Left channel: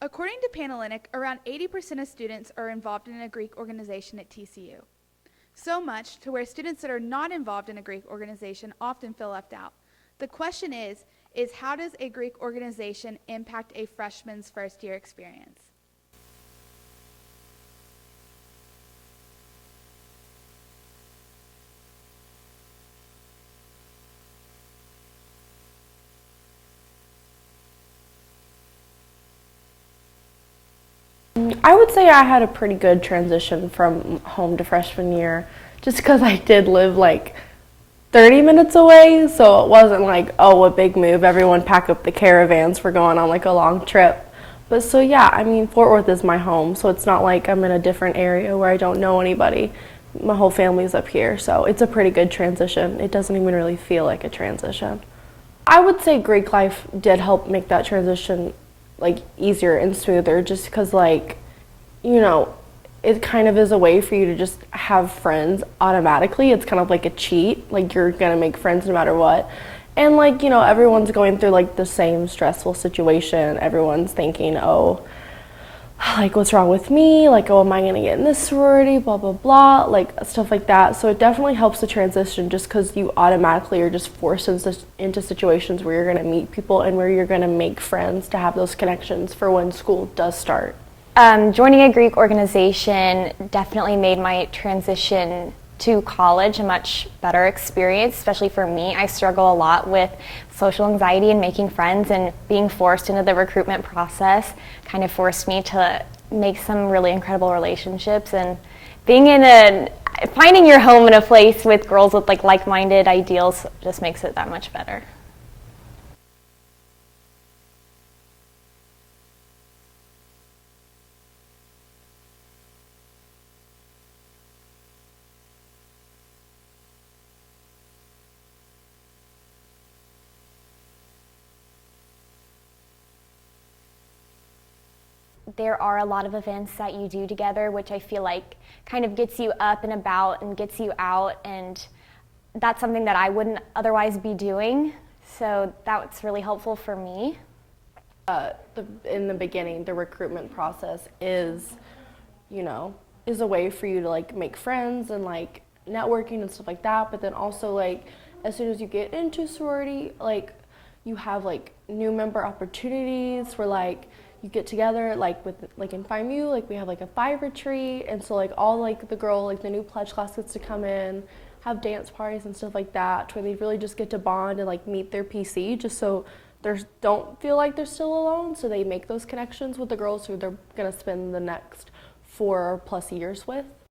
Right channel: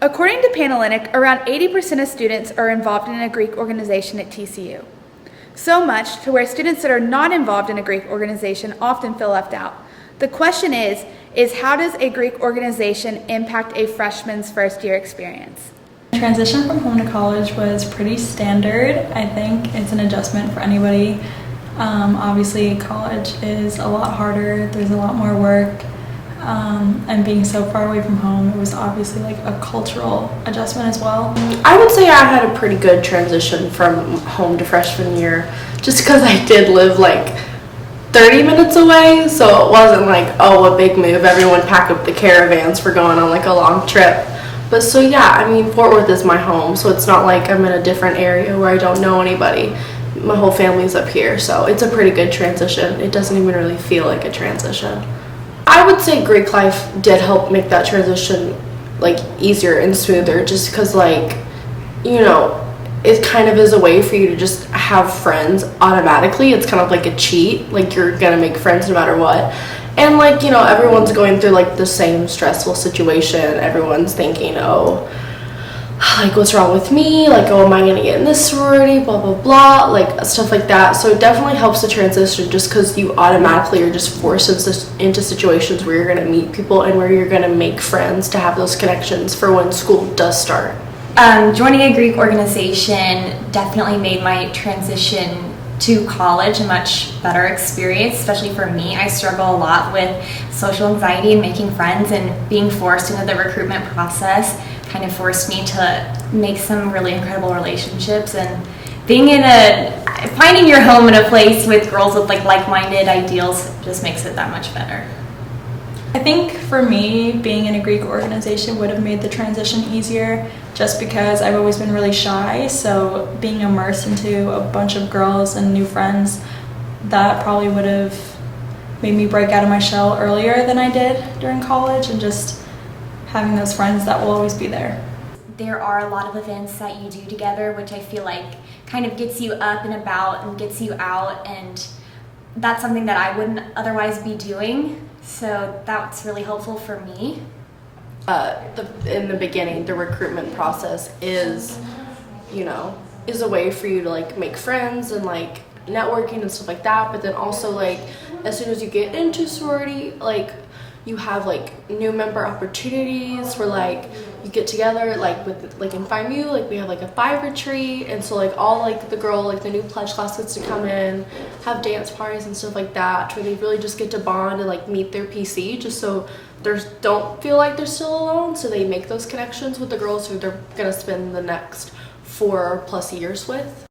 According to Panalytic, around 80% of students are involved in a Greek organization at TCU. So much to where students that are not involved in a Greek organization often feel left out. The question is how does a Greek organization impact a freshman's first year experience? Transition from home to college was pretty standard. I think it's an adjustment for anybody. Obviously, college is a lot harder. There's a lot more work. And being so far away from home, it was obviously like a cultural adjustment as well. I would say I had a pretty good transition from home to freshman year, just because I did live like 30 minutes away, so it wasn't like, oh, a big move, everyone pack up the caravans for going on like a long trip. But so yeah, I mean, Fort Worth is my home, so it's not like I'm in a different area where I don't know anybody. My whole family's up here, so it's a pretty good transition. It doesn't even really feel like a transition. I would say Greek life did help make that transition like easier and smoother, just because like, you know, it kind of is a way for you to just have friends automatically. It's kind of like a cheat, like you're gonna make friends no matter what. And like, you know, everyone's going through like the same stressful situation. Everyone's thinking, oh, like what's wrong with me? Like, oh, am I gonna get in this sorority? Blah, blah, blah, like stuff like that. So it definitely helps the transition just because you automatically are just forced into situations where you're gonna meet people and where you're gonna make friends to have those connections for when school does start. Joining a Greek organization definitely made my transition to college a much better experience, especially for me. I struggle a lot with social anxiety and making friends, and being forced into the recruitment process kind of forced me to make some really incredible relationships, and finding your home in a place with girls with like-minded ideals just makes it that much better. I think for me, being in a Greek organization would have made the transition easier just because I've always been really shy, so being immersed into a bunch of girls and new friends, that probably would have made me break out of my shell earlier than I did during college, and just having those friends that will always be there. There are a lot of events that you do together, which I feel like kind of gets you up and about and gets you out, and that's something that I wouldn't otherwise be doing. So that's really helpful for me. In the beginning, the recruitment process is, you know, is a way for you to like make friends and like networking and stuff like that. But then also like as soon as you get into sorority, like you have like new member opportunities where like you get together like with like in FIMU, like we have like a 5 retreat, and so like all like the girl, like the new pledge class gets to come in, have dance parties and stuff like that, where they really just get to bond and like meet their PC, just so they don't feel like they're still alone, so they make those connections with the girls who they're gonna spend the next 4+ years with.